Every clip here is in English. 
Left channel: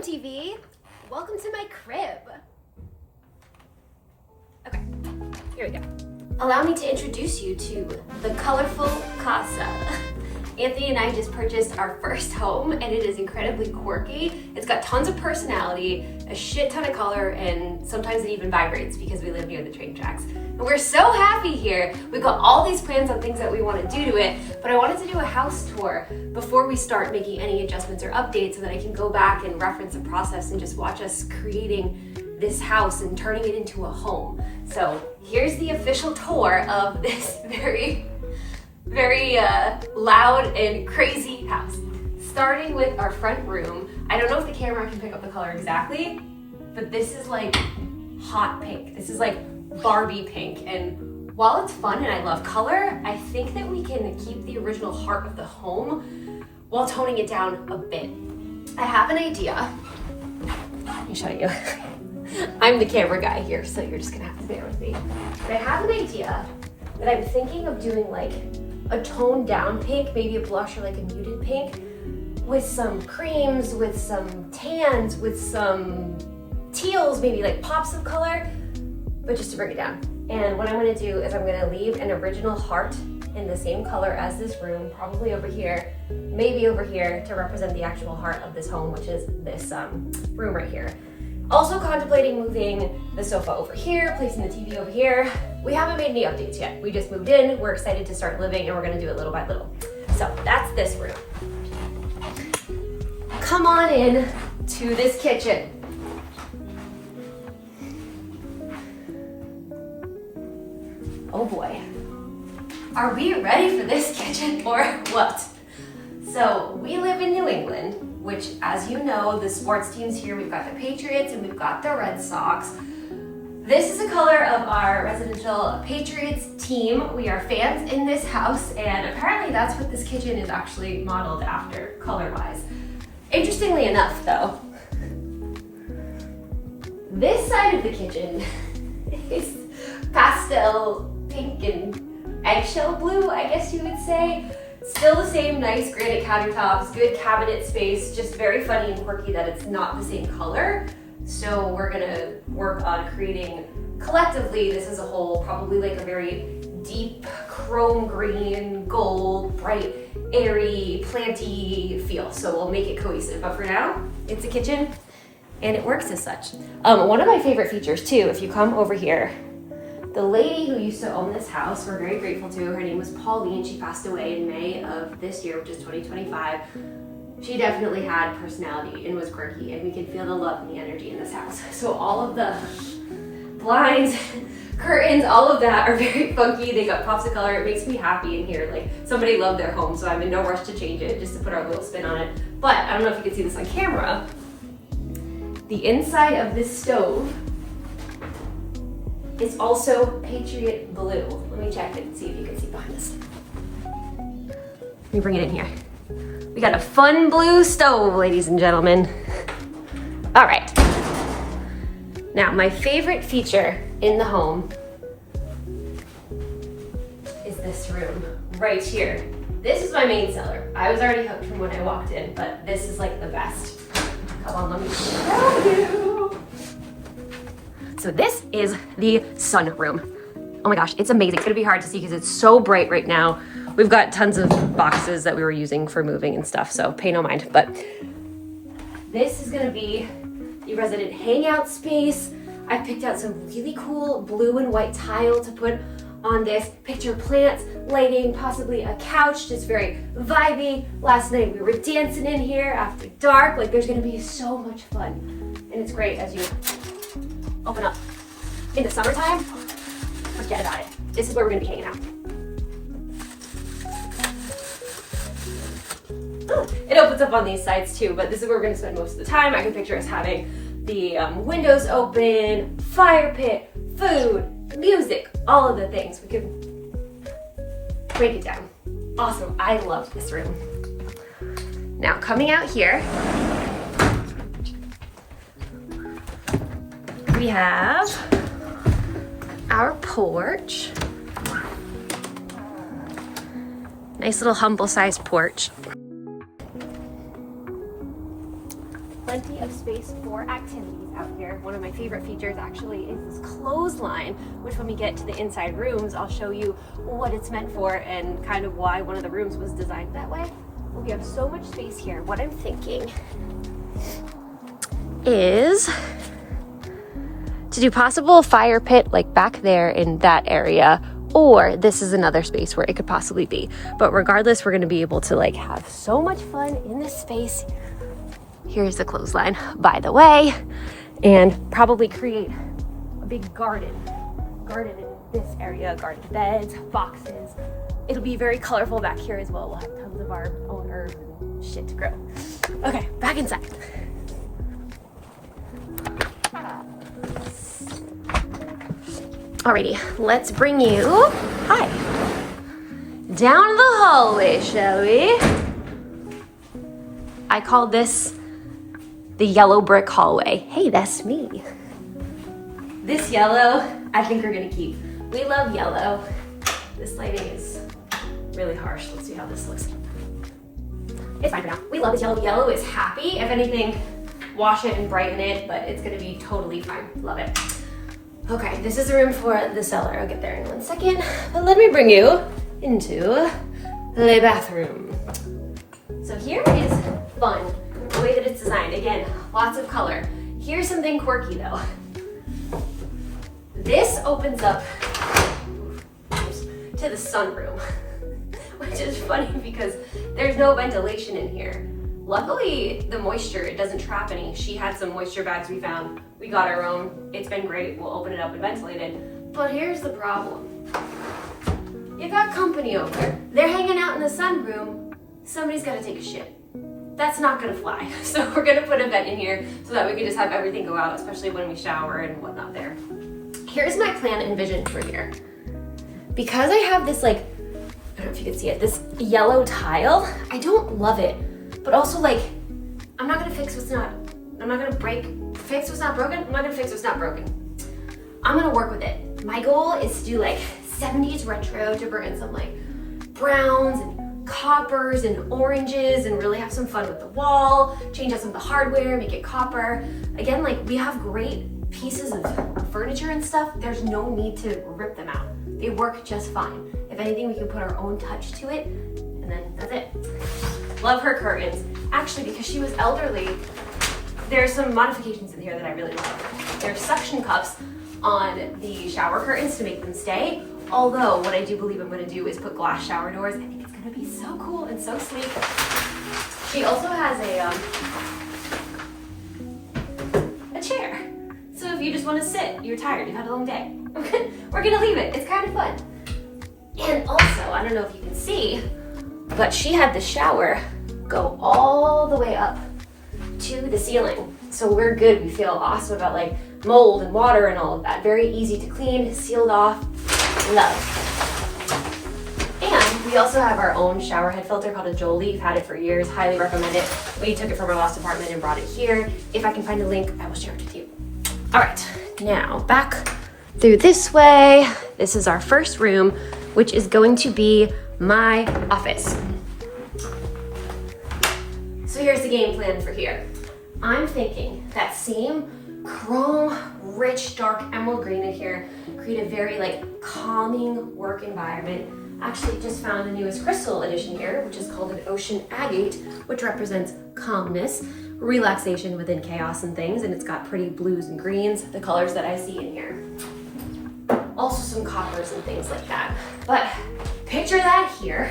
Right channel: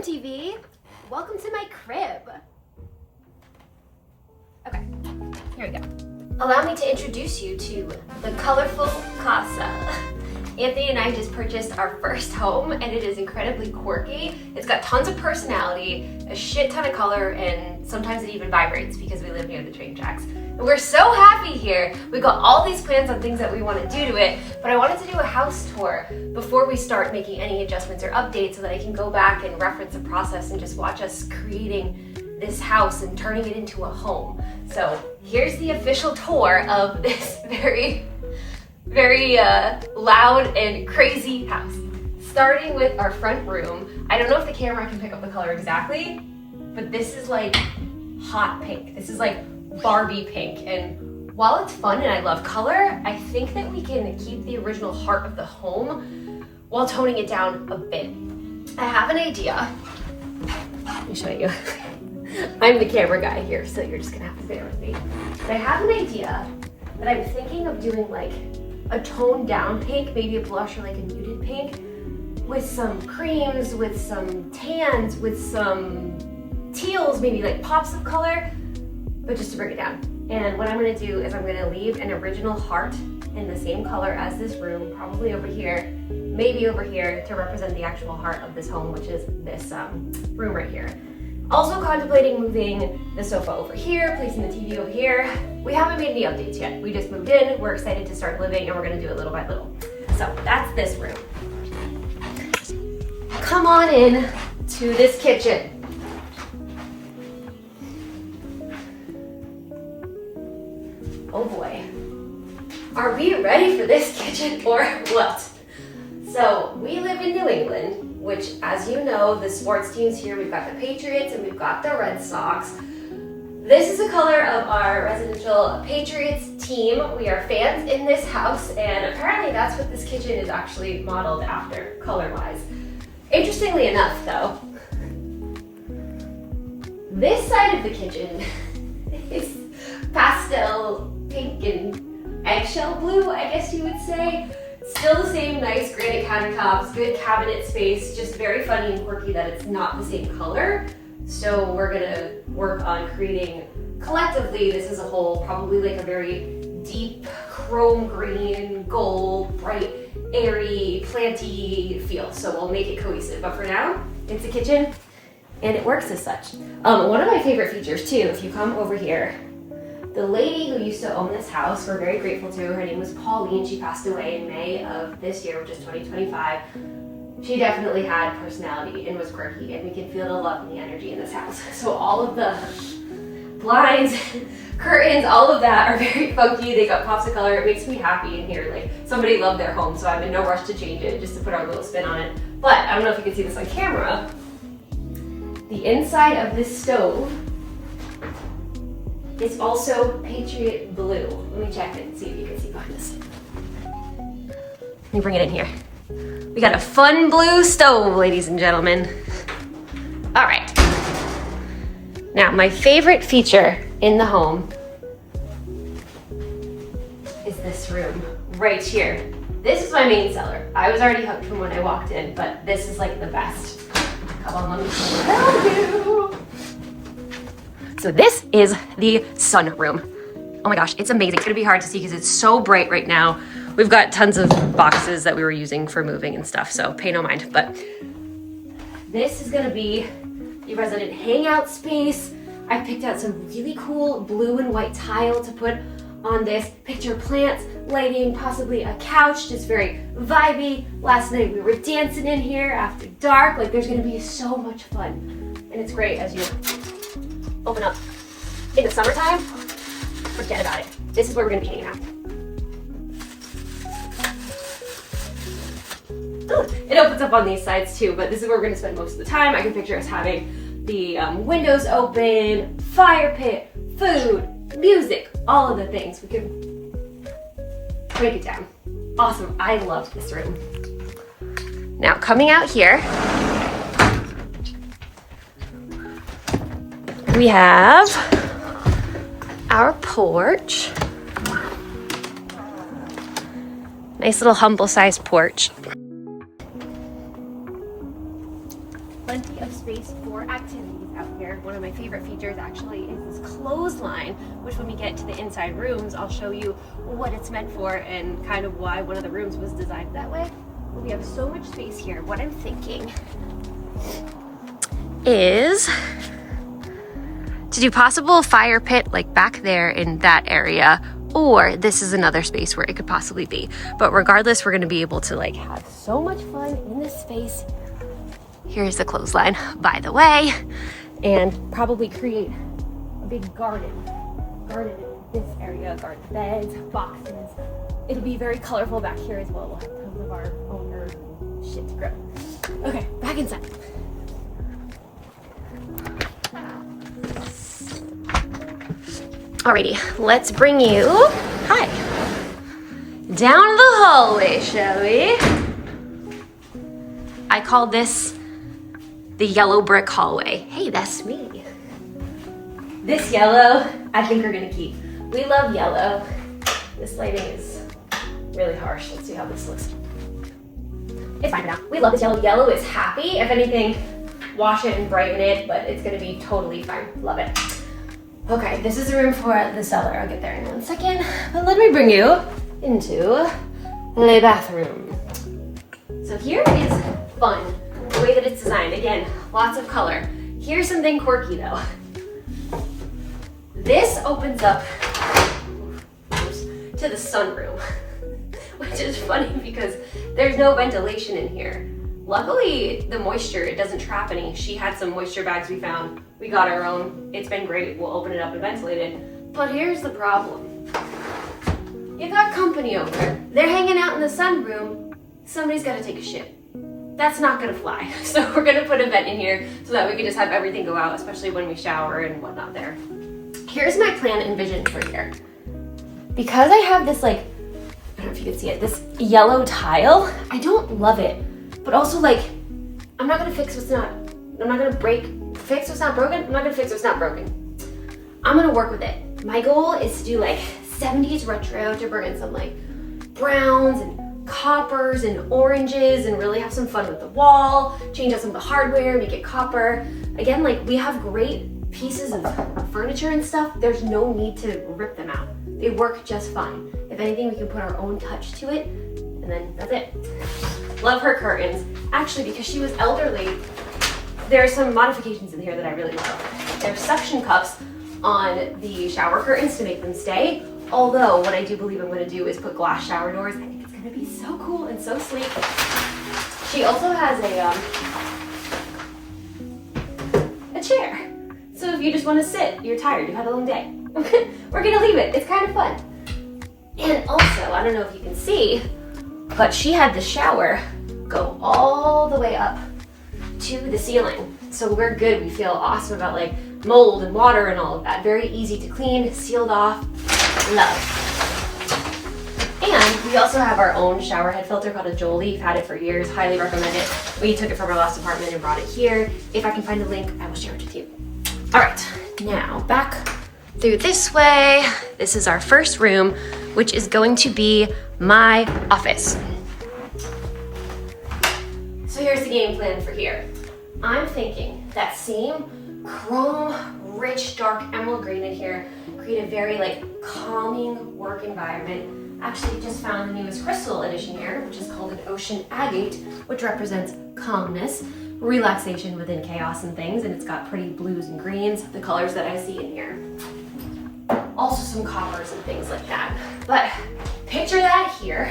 MTV. Welcome to my crib. Okay, here we go. Allow me to introduce you to the colorful casa. Anthony and I just purchased our first home and it is incredibly quirky. It's got tons of personality, a shit ton of color, and sometimes it even vibrates because we live near the train tracks. And we're so happy here. We've got all these plans on things that we want to do to it, but I wanted to do a house tour before we start making any adjustments or updates so that I can go back and reference the process and just watch us creating this house and turning it into a home. So here's the official tour of this very loud and crazy house. Starting with our front room. I don't know if the camera can pick up the color exactly, but this is like hot pink. This is like Barbie pink. And while it's fun and I love color, I think that we can keep the original heart of the home while toning it down a bit. I have an idea. Let me show you. I'm the camera guy here, so you're just gonna have to bear with me. But I have an idea that I'm thinking of doing like a toned down pink, maybe a blush or like a muted pink, with some creams, with some tans, with some teals, maybe like pops of color, but just to bring it down. And what I'm gonna do is I'm gonna leave an original heart in the same color as this room, probably over here, maybe over here, to represent the actual heart of this home, which is this room right here. Also contemplating moving the sofa over here, placing the TV over here. We haven't made any updates yet. We just moved in, we're excited to start living, and we're gonna do it little by little. So that's this room. Come on in to this kitchen. Oh boy. Are we ready for this kitchen or what? So we live in New England, which, as you know, the sports teams here, we've got the Patriots and we've got the Red Sox. This is the color of our residential Patriots team. We are fans in this house, and apparently that's what this kitchen is actually modeled after color-wise. Interestingly enough, though, this side of the kitchen is pastel pink and eggshell blue, I guess you would say. Still the same nice granite countertops, good cabinet space, just very funny and quirky that it's not the same color. So we're gonna work on creating collectively, this as a whole, probably like a very deep chrome green, gold, bright, airy, planty feel. So we'll make it cohesive, but for now, it's a kitchen and it works as such. One of my favorite features too, if you come over here, the lady who used to own this house, we're very grateful to. Her name was Pauline. She passed away in May of this year, which is 2025. She definitely had personality and was quirky, and we can feel the love and the energy in this house. So all of the blinds, curtains, all of that are very funky. They got pops of color. It makes me happy in here. Like, somebody loved their home, so I'm in no rush to change it, just to put our little spin on it. But I don't know if you can see this on camera. The inside of this stove is also Patriot blue. Let me check and see if you can see behind this. Let me bring it in here. We got a fun blue stove, ladies and gentlemen. All right. Now, my favorite feature in the home is this room right here. This is my main cellar. I was already hooked from when I walked in, but this is like the best. Come on, let me show you. So this is the sunroom. Oh my gosh, it's amazing. It's gonna be hard to see because it's so bright right now. We've got tons of boxes that we were using for moving and stuff, so pay no mind. But this is gonna be the resident hangout space. I picked out some really cool blue and white tile to put on this. Picture plants, lighting, possibly a couch, just very vibey. Last night we were dancing in here after dark. Like, there's gonna be so much fun. And it's great as you open up in the summertime. Forget about it. This is where we're gonna be hanging out. It opens up on these sides too, but this is where we're gonna spend most of the time. I can picture us having the windows open, fire pit, food, music, all of the things. We could break it down. Awesome, I love this room. Now coming out here, we have our porch. Nice little humble sized porch. plenty of space for activities out here. One of my favorite features actually is this clothesline, which when we get to the inside rooms, I'll show you what it's meant for and kind of why one of the rooms was designed that way. We have so much space here. What I'm thinking is to do possible fire pit like back there in that area, or this is another space where it could possibly be. But regardless, we're gonna be able to like have so much fun in this space. Here's the clothesline, by the way, and probably create a big garden in this area, garden beds, boxes. It'll be very colorful back here as well. We'll have tons of our own herbs and shit to grow. Okay, back inside. Alrighty, let's bring you, hi, down the hallway, shall we? I call this the yellow brick hallway. Hey, that's me. This yellow, I think we're gonna keep. We love yellow. This lighting is really harsh. Let's see how this looks. It's fine for now. We love this yellow. Yellow is happy. If anything, wash it and brighten it, but it's gonna be totally fine. Love it. Okay, this is the room for the cellar. I'll get there in 1 second. But let me bring you into the bathroom. So here is fun, the way that it's designed. Again, lots of color. Here's something quirky though. This opens up to the sunroom, which is funny because there's no ventilation in here. Luckily, the moisture, it doesn't trap any. She had some moisture bags we found. We got our own. It's been great. We'll open it up and ventilate it. But here's the problem. You got company over. They're hanging out in the sunroom. Somebody's got to take a shit. That's not going to fly. So we're going to put a vent in here so that we can just have everything go out, especially when we shower and whatnot there. Here's my plan and vision for here. Because I have this like, I don't know if you can see it, this yellow tile, I don't love it. But also like, I'm not gonna fix what's not, I'm not gonna fix what's not broken, I'm not gonna fix what's not broken. I'm gonna work with it. My goal is to do like 70s retro, to bring in some like browns and coppers and oranges and really have some fun with the wall, change out some of the hardware, make it copper. Again, like we have great pieces of furniture and stuff, there's no need to rip them out. They work just fine. If anything, we can put our own touch to it, and then that's it. Love her curtains. Actually, because she was elderly, there are some modifications in here that I really love. There's suction cups on the shower curtains to make them stay. Although, what I do believe I'm gonna do is put glass shower doors. I think it's gonna be so cool and so sleek. She also has a chair. So if you just wanna sit, you're tired, you've had a long day, we're gonna leave it. It's kind of fun. And also, I don't know if you can see, but she had the shower go all the way up to the ceiling. So we're good. We feel awesome about like mold and water and all of that. Very easy to clean, sealed off. Love. And we also have our own shower head filter called a Jolie. We've had it for years. Highly recommend it. We took it from our last apartment and brought it here. If I can find a link, I will share it with you. All right, now back through this way. This is our first room, which is going to be my office. So here's the game plan for here. I'm thinking that same chrome, rich, dark emerald green in here, create a very like calming work environment. Actually just found the newest crystal edition here, which is called an ocean agate, which represents calmness, relaxation within chaos and things, and it's got pretty blues and greens, the colors that I see in here. Also some coppers and things like that. But picture that here.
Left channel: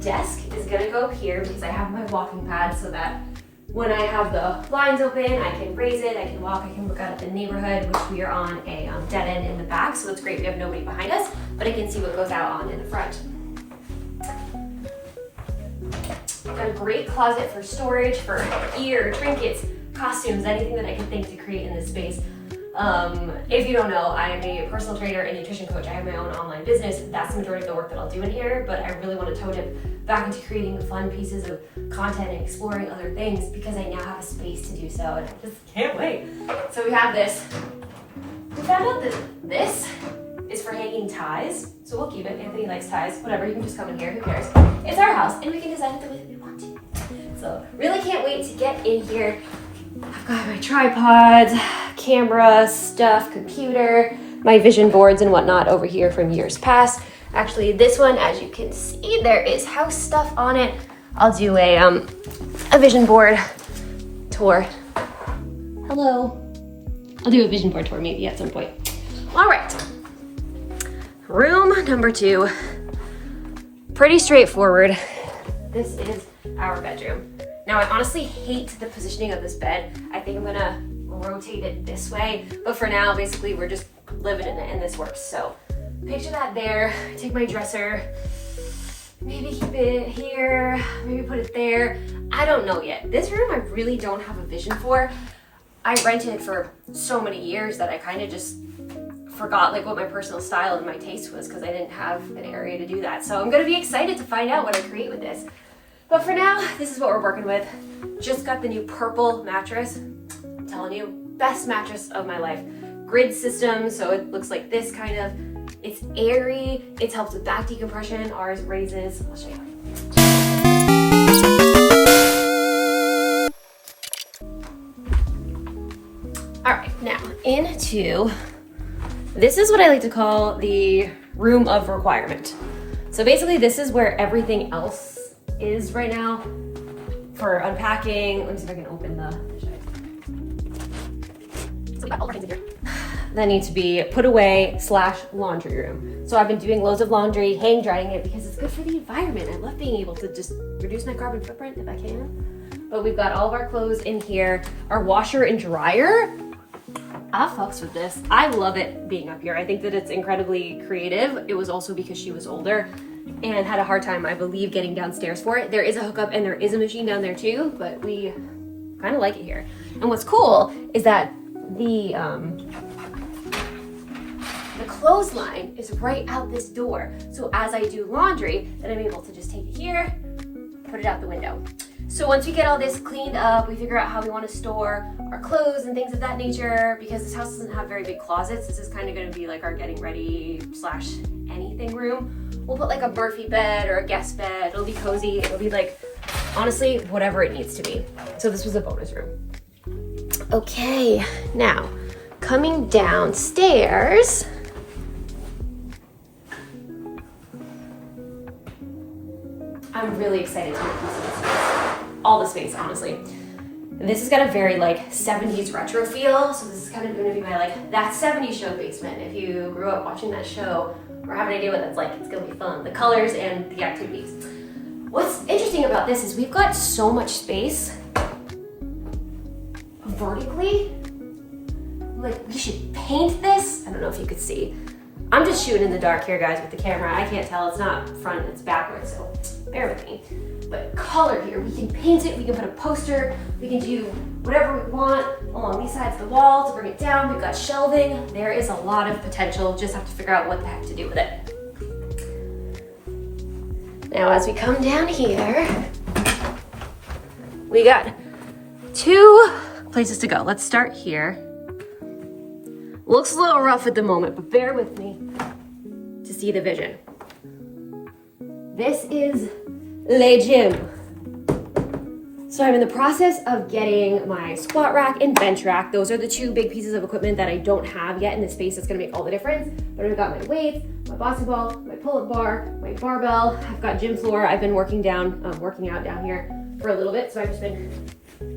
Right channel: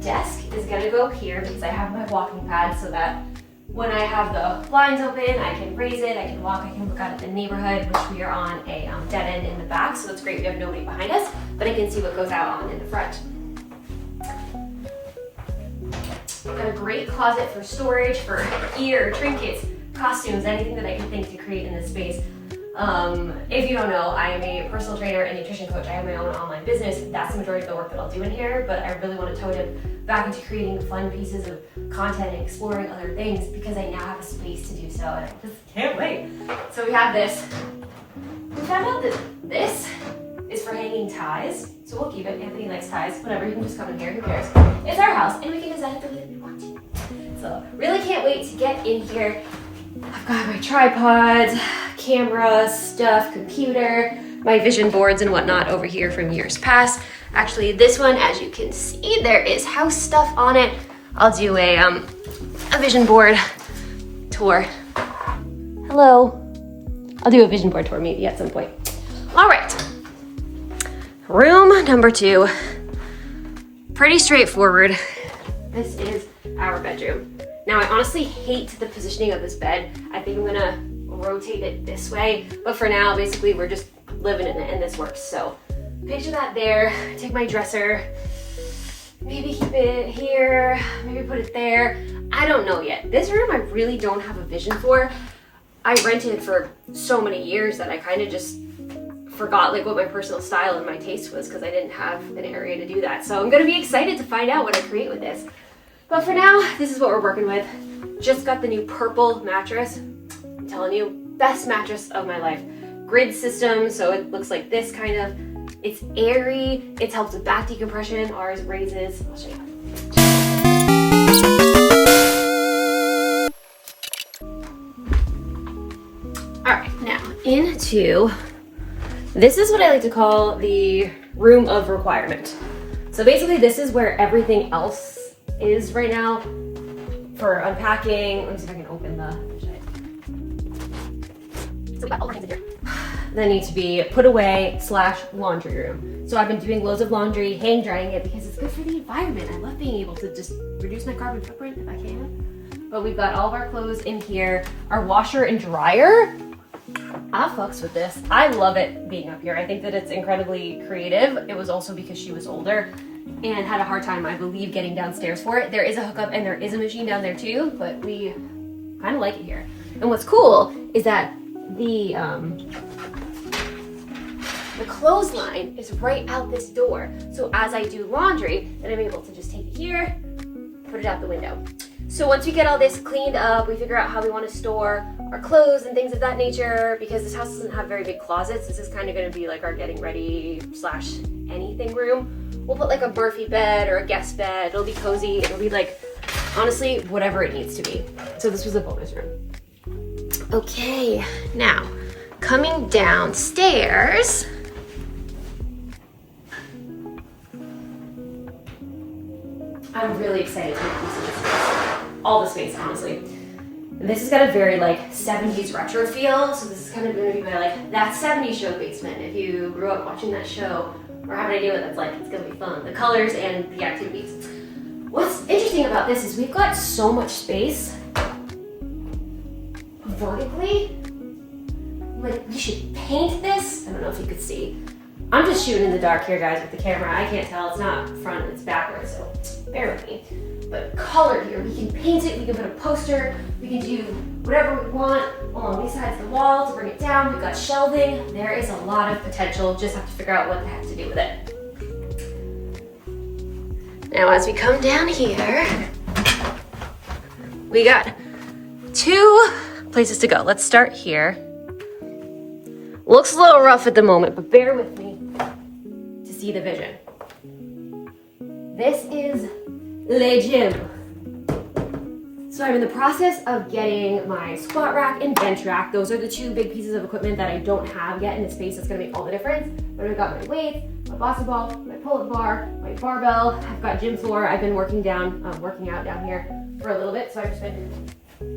Desk is gonna go here because I have my walking pad so that when I have the blinds open, I can raise it, I can walk, I can look out at the neighborhood, which we are on a dead end in the back, so it's great. We have nobody behind us, but I can see what goes out on in the front. Got a great closet for storage, for gear, trinkets, costumes, anything that I can think to create in this space. If you don't know, I am a personal trainer and nutrition coach. I have my own online business. That's the majority of the work that I'll do in here, but I really want to tone it back into creating fun pieces of content and exploring other things because I now have a space to do so, and I just can't wait. So we have this. We found out that this is for hanging ties, so we'll keep it. Anthony likes ties, whatever, you can just come in here, who cares? It's our house, and we can design it the way that we want to. So So really can't wait to get in here. I've got my tripods, camera, stuff, computer, my vision boards and whatnot over here from years past. Actually, this one, as you can see, there is house stuff on it. I'll do a vision board tour. Hello. I'll do a vision board tour maybe at some point. All right. Room number 2. Pretty straightforward. This is our bedroom. Now, I honestly hate the positioning of this bed. I think I'm gonna rotate it this way, but for now, basically, we're just living in it and this works. So picture that there. Take my dresser, maybe keep it here, maybe put it there. I don't know yet. This room I really don't have a vision for. I rented for so many years that I kind of just forgot like what my personal style and my taste was because I didn't have an area to do that. So I'm gonna be excited to find out what I create with this. But for now, this is what we're working with. Just got the new purple mattress. I'm telling you, best mattress of my life. Grid system, so it looks like this kind of. It's airy, it helps with back decompression, ours raises. I'll show you. All right, now into, this is what I like to call the room of requirement. So basically this is where everything else is right now for unpacking. Let me see if I can open the shade. So we got all the things in here that need to be put away / laundry room. So I've been doing loads of laundry, hang drying it because it's good for the environment. I love being able to just reduce my carbon footprint if I can. But we've got all of our clothes in here. Our washer and dryer, I fucks with this. I love it being up here. I think that it's incredibly creative. It was also because she was older and had a hard time, I believe, getting downstairs for it. There is a hookup and there is a machine down there too, but we kind of like it here. And what's cool is that the clothesline is right out this door. So as I do laundry, then I'm able to just take it here, put it out the window. So once we get all this cleaned up, we figure out how we want to store our clothes and things of that nature, because this house doesn't have very big closets. This is kind of going to be like our getting ready / anything room. We'll put like a Murphy bed or a guest bed. It'll be cozy. It'll be like, honestly, whatever it needs to be. So this was a bonus room. Okay, now coming downstairs. I'm really excited to make use of this space. All the space, honestly. This has got a very like 70s retro feel, so this is kind of gonna be my like that 70s show basement. If you grew up watching that show or have an idea what that's like, it's gonna be fun. The colors and the activities. What's interesting about this is we've got so much space vertically. Like, we should paint this. I don't know if you could see. I'm just shooting in the dark here, guys, with the camera. I can't tell. It's not front, it's backwards, so bear with me. But color here, we can paint it, we can put a poster, we can do whatever we want along these sides of the wall to bring it down. We've got shelving. There is a lot of potential. Just have to figure out what the heck to do with it. Now, as we come down here, we got 2 places to go. Let's start here. Looks a little rough at the moment, but bear with me to see the vision. This is le gym. So I'm in the process of getting my squat rack and bench rack. Those are the 2 big pieces of equipment that I don't have yet in this space. That's gonna make all the difference. But I've got my weights, my boxing ball, my pull-up bar, my barbell. I've got gym floor. I've been working out down here for a little bit. So I've just been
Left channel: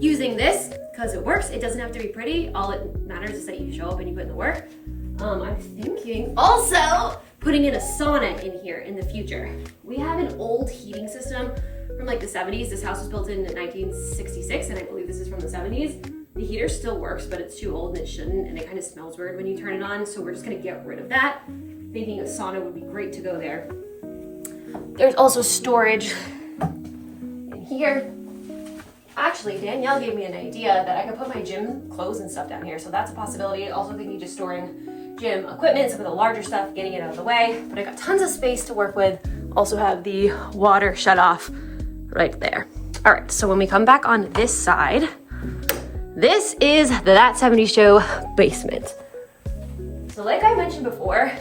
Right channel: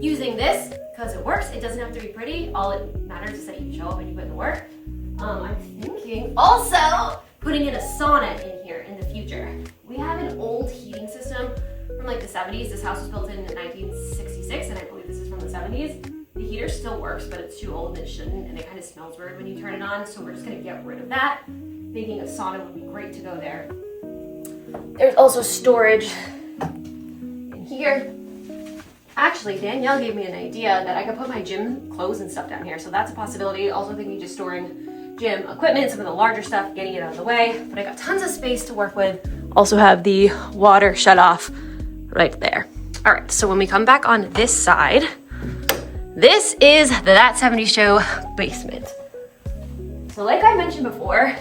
using this because it works. It doesn't have to be pretty. All it matters is that you show up and you put in the work. I'm thinking also putting in a sauna in here in the future. We have an old heating system from like the 70s. This house was built in 1966 and I believe this is from the 70s. The heater still works, but it's too old and it shouldn't, and it kind of smells weird when you turn it on. So we're just gonna get rid of that. Thinking a sauna would be great to go there. There's also storage in here. Actually, Danielle gave me an idea that I could put my gym clothes and stuff down here, so that's a possibility. Also thinking just storing gym equipment, some of the larger stuff, getting it out of the way. But I got tons of space to work with. Also have the water shut off right there. All right, so when we come back on this side, this is the That 70s Show basement. So like I mentioned before,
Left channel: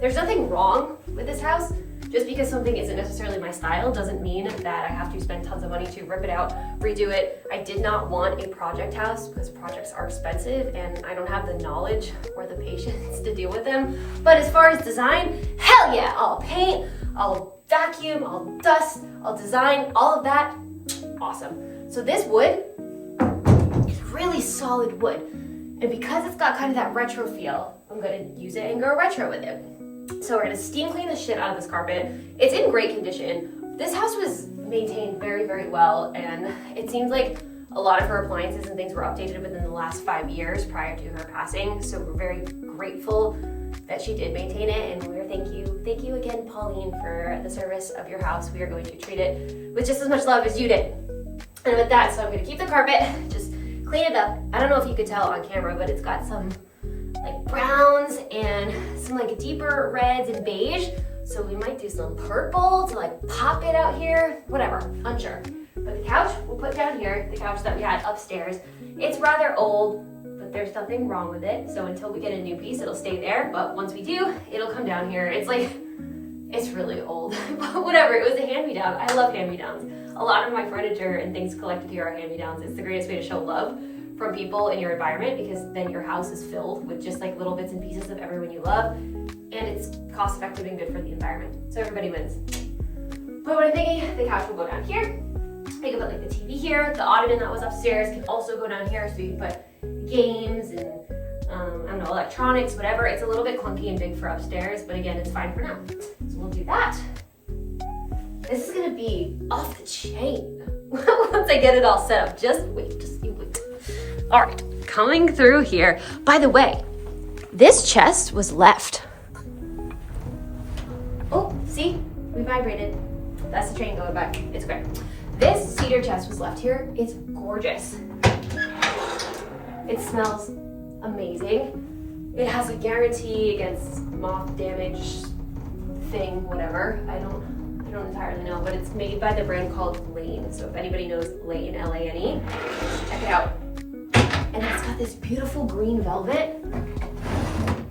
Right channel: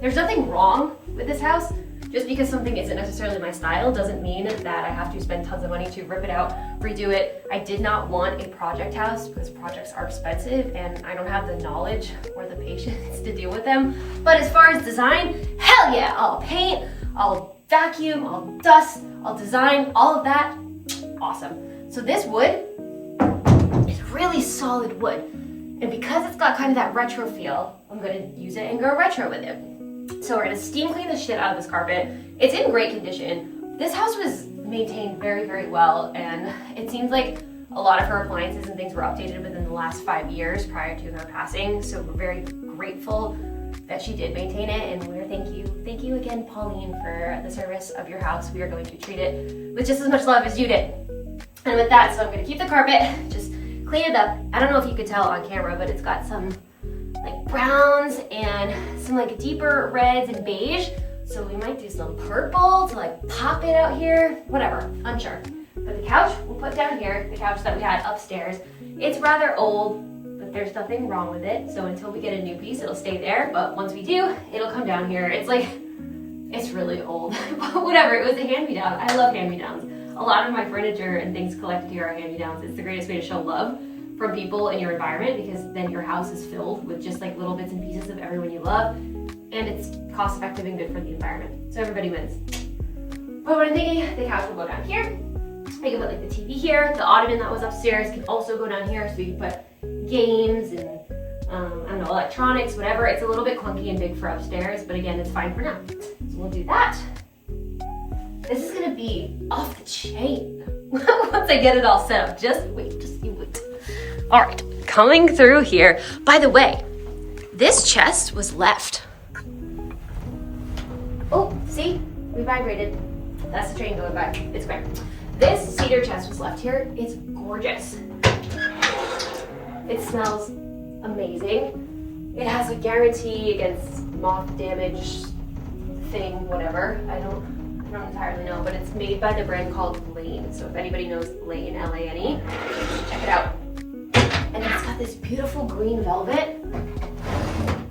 there's nothing wrong with this house. Just because something isn't necessarily my style doesn't mean that I have to spend tons of money to rip it out, redo it. I did not want a project house because projects are expensive and I don't have the knowledge or the patience to deal with them. But as far as design, hell yeah, I'll paint, I'll vacuum, I'll dust, I'll design, all of that, awesome. So this wood is really solid wood. And because it's got kind of that retro feel, I'm gonna use it and go retro with it. So we're gonna steam clean the shit out of this carpet. It's in great condition. This house was maintained very, very well, and it seems like a lot of her appliances and things were updated within the last 5 years prior to her passing. So we're very grateful that she did maintain it, and we're thank you again, Pauline, for the service of your house. We are going to treat it with just as much love as you did. And with that, so I'm gonna keep the carpet, just clean it up. I don't know if you could tell on camera, but it's got some like browns and some like deeper reds and beige. So we might do some purple to like pop it out here, whatever, I'm sure. But the couch we'll put down here, the couch that we had upstairs. It's rather old, but there's nothing wrong with it. So until we get a new piece, it'll stay there. But once we do, it'll come down here. It's like, it's really old, but whatever, it was a hand-me-down. I love hand-me-downs. A lot of my furniture and things collected here are hand-me-downs. It's the greatest way to show love from people in your environment, because then your house is filled with just like little bits and pieces of everyone you love, and it's cost effective and good for the environment. So everybody wins. But what I'm thinking, the couch will go down here. I can put like the TV here. The ottoman that was upstairs can also go down here, so you can put games and I don't know, electronics, whatever. It's a little bit clunky and big for upstairs, but again, it's fine for now. So we'll do that. This is gonna be off the chain once I get it all set up. Just wait, just you wait. All right, coming through here. By the way, this chest was left. Oh, see, we vibrated. That's the train going back. It's great. This cedar chest was left here. It's gorgeous. It smells amazing. It has a guarantee against moth damage thing, whatever. I don't entirely know, but it's made by the brand called Lane. So if anybody knows Lane, L-A-N-E, check it out. And it's got this beautiful green velvet.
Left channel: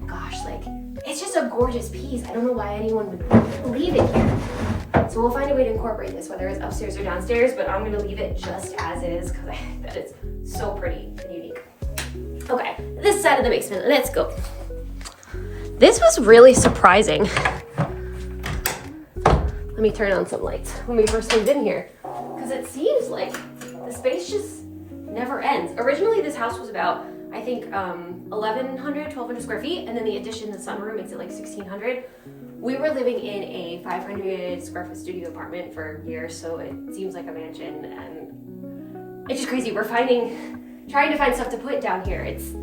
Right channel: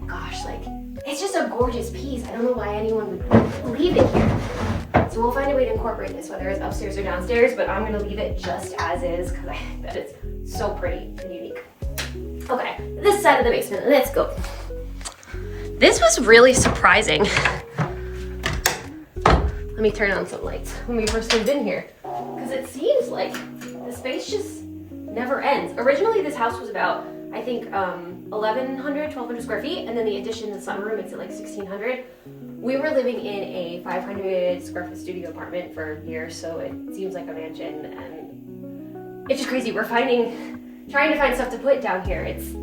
Gosh, like, it's just a gorgeous piece. I don't know why anyone would leave it here. So we'll find a way to incorporate this, whether it's upstairs or downstairs, but I'm gonna leave it just as is because I think that it's so pretty and unique. Okay, this side of the basement, let's go. This was really surprising. Let me turn on some lights when we first moved in here, because it seems like the space just never ends. Originally, this house was about, I think, 1,1200 square feet, and then the addition, the sunroom, makes it like 1,600. We were living in a 500 square foot studio apartment for years, so it seems like a mansion, and it's just crazy. We're trying to find stuff to put down here. It's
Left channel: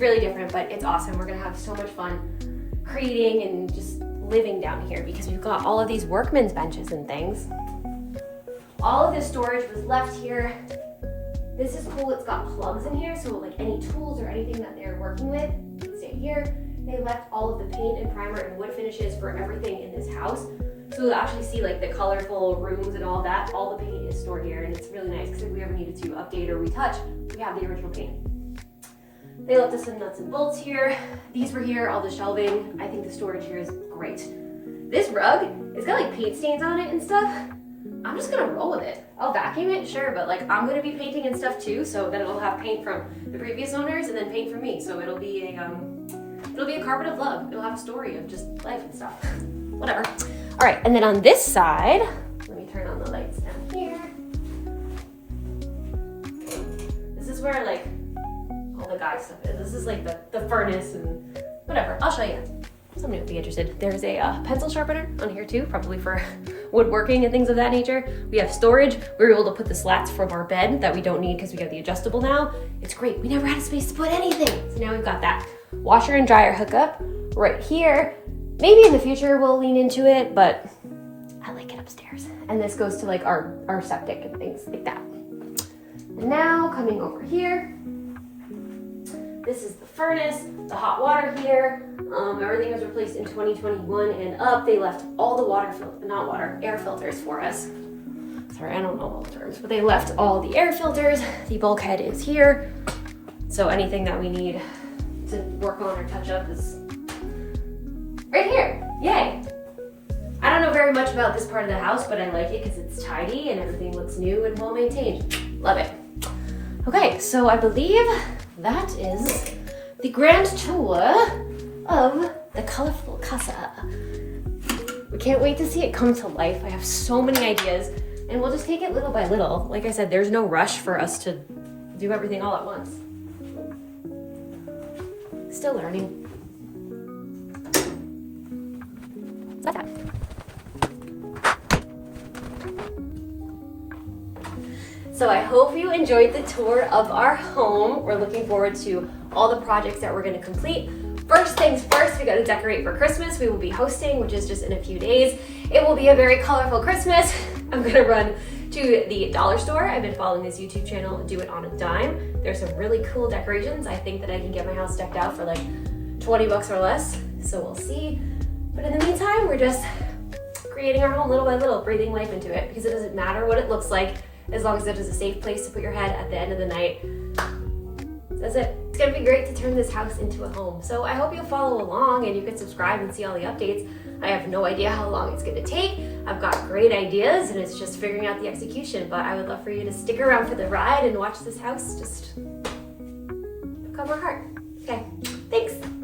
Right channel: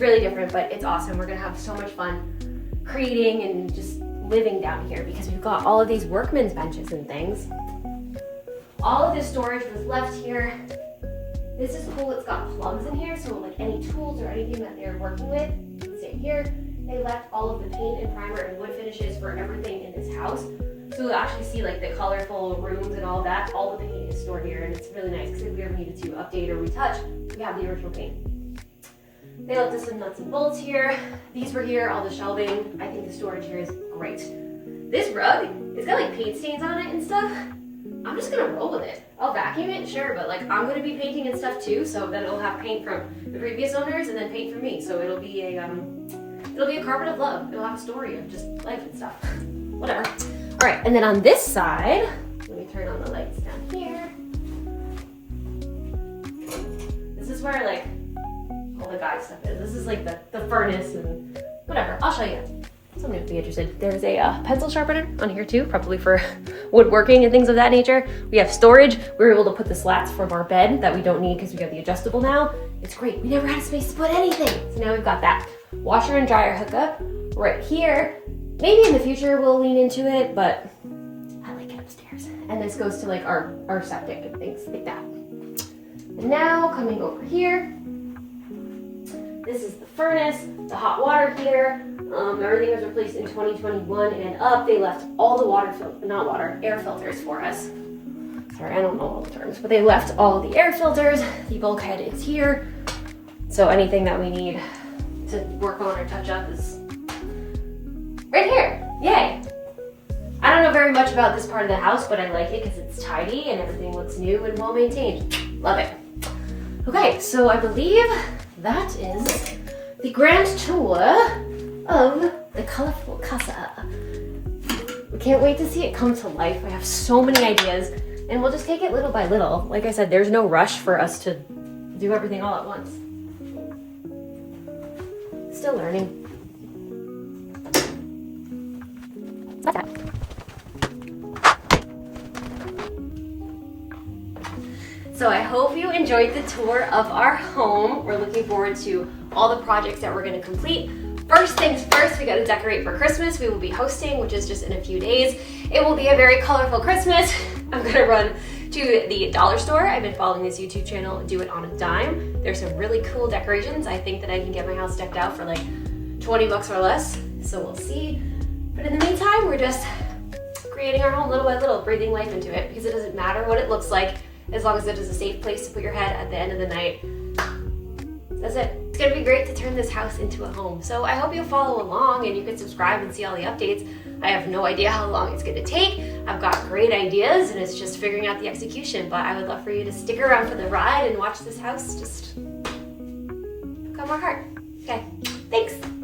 really different, but it's awesome. We're gonna have so much fun creating and just living down here because we've got all of these workman's benches and things. All of this storage was left here. This is cool, it's got plugs in here, so like any tools or anything that they're working with can stay here. They left all of the paint and primer and wood finishes for everything in this house. So you'll actually see like the colorful rooms and all that. All the paint is stored here, and it's really nice because if we ever needed to update or retouch, we have the original paint. They left us some nuts and bolts here. These were here, all the shelving. I think the storage here is great. This rug, it's got like paint stains on it and stuff. I'm just gonna roll with it. I'll vacuum it, sure, but like I'm gonna be painting and stuff too, so then it'll have paint from the previous owners and then paint from me. So it'll be a carpet of love. It'll have a story of just life and stuff. Whatever. All right, and then on this side, let me turn on the lights down here. This is where like all the guy stuff is. This is like the furnace and whatever. I'll show you. Somebody would be interested. There's a pencil sharpener on here too, probably for woodworking and things of that nature. We have storage. We were able to put the slats from our bed that we don't need because we got the adjustable now. It's great. We never had a space to put anything. So now we've got that. Washer and dryer hookup right here. Maybe in the future we'll lean into it, but I like it upstairs. And this goes to like our septic and things like that. And now coming over here, this is the furnace, the hot water here. Everything was replaced in 2021 and up. They left all the air filters for us. Sorry, I don't know all the terms, but they left all the air filters. The bulkhead is here. So anything that we need to work on or touch up is right here. Yay. I don't know very much about this part of the house, but I like it because it's tidy and everything looks new and well maintained. Love it. Okay, so I believe that is the grand tour of the colorful casa. We can't wait to see it come to life. I have so many ideas, and we'll just take it little by little. Like I said, there's no rush for us to do everything all at once. Still learning. So I hope you enjoyed the tour of our home. We're looking forward to all the projects that we're going to complete. First things first, we got to decorate for Christmas. We will be hosting, which is just in a few days. It will be a very colorful Christmas. I'm going to run to the dollar store. I've been following this YouTube channel, Do It on a Dime. There's some really cool decorations. I think that I can get my house decked out for like 20 bucks or less. So we'll see. But in the meantime, we're just creating our home little by little, breathing life into it, because it doesn't matter what it looks like as long as it is a safe place to put your head at the end of the night. That's it. It's gonna be great to turn this house into a home. So I hope you'll follow along and you can subscribe and see all the updates. I have no idea how long it's gonna take. I've got great ideas and it's just figuring out the execution, but I would love for you to stick around for the ride and watch this house just become our heart. Okay, thanks.